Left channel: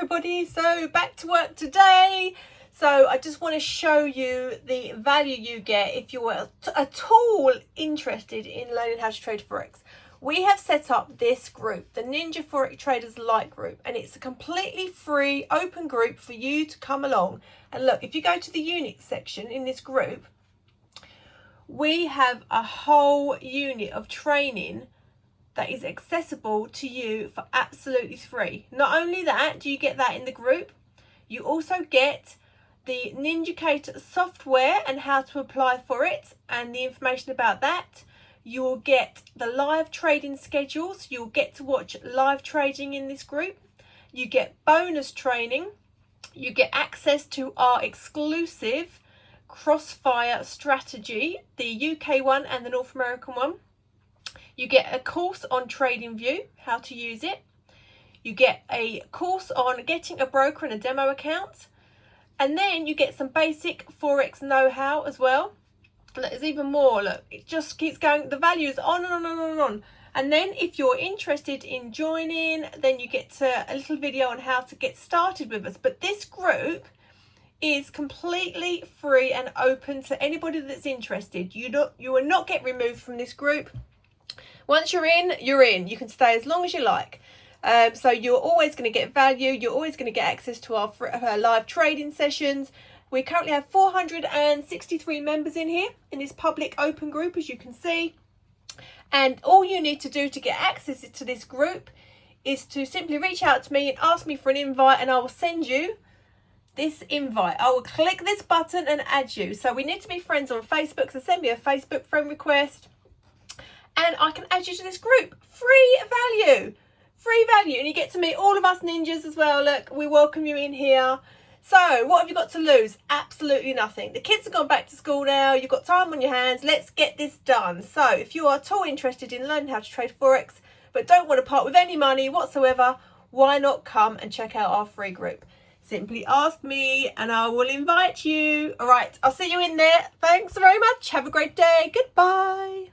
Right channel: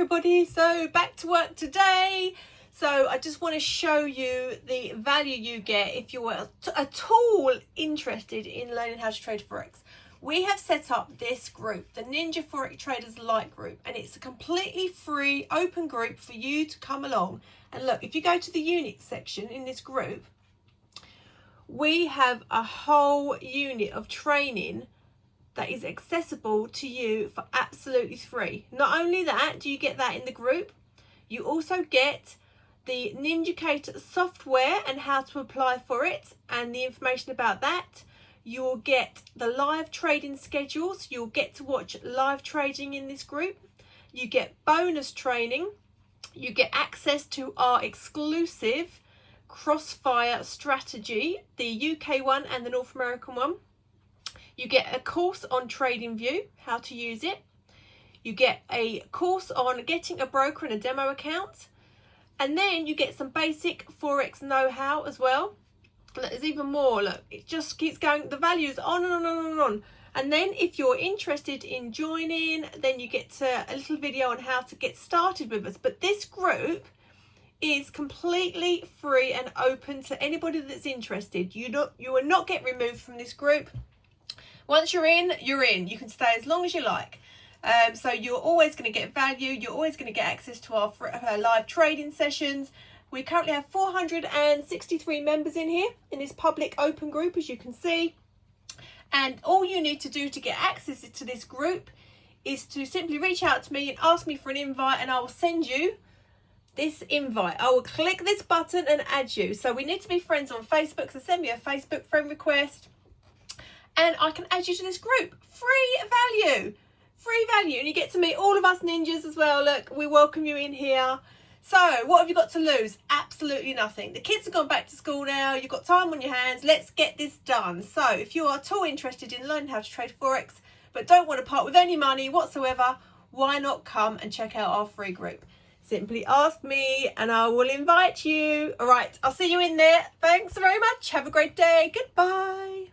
everybody, so back to work today. So I just want to show you the value you get if you're at all interested in learning how to trade Forex. We have set up this group, the Ninja Forex Traders Lite group, and it's a completely free open group for you to come along. And look, if you go to the unit section in this group, we have a whole unit of training that is accessible to you for absolutely free. Not only that, do you get that in the group, you also get the Ninjacator software and how to apply for it and the information about that. You will get the live trading schedules. You'll get to watch live trading in this group. You get bonus training. You get access to our exclusive Crossfire strategy, the UK one and the North American one. You get a course on TradingView, how to use it. You get a course on getting a broker and a demo account. And then you get some basic Forex know-how as well. There's even more, look, it just keeps going. The values on and on and on and on. And then if you're interested in joining, then you get a little video on how to get started with us. But this group is completely free and open to anybody that's interested. You will not get removed from this group. Once you're in, you're in. You can stay as long as you like. So you're always going to get value. You're always going to get access to our live trading sessions. We currently have 463 members in here in this public open group, as you can see. And all you need to do to get access to this group is to simply reach out to me and ask me for an invite, and I will send you this invite. I will click this button and add you. So we need to be friends on Facebook, so send me a Facebook friend request and I can add you to this group. Free value, and you get to meet all of us ninjas as well. Look, we welcome you in here. So what have you got to lose? Absolutely nothing. The kids have gone back to school now. You've got time on your hands. Let's get this done. So if you are at all interested in learning how to trade Forex but don't want to part with any money whatsoever, why not come and check out our free group? Simply ask me and I will invite you. All right, I'll see you in there. Thanks very much. Have a great day. Goodbye.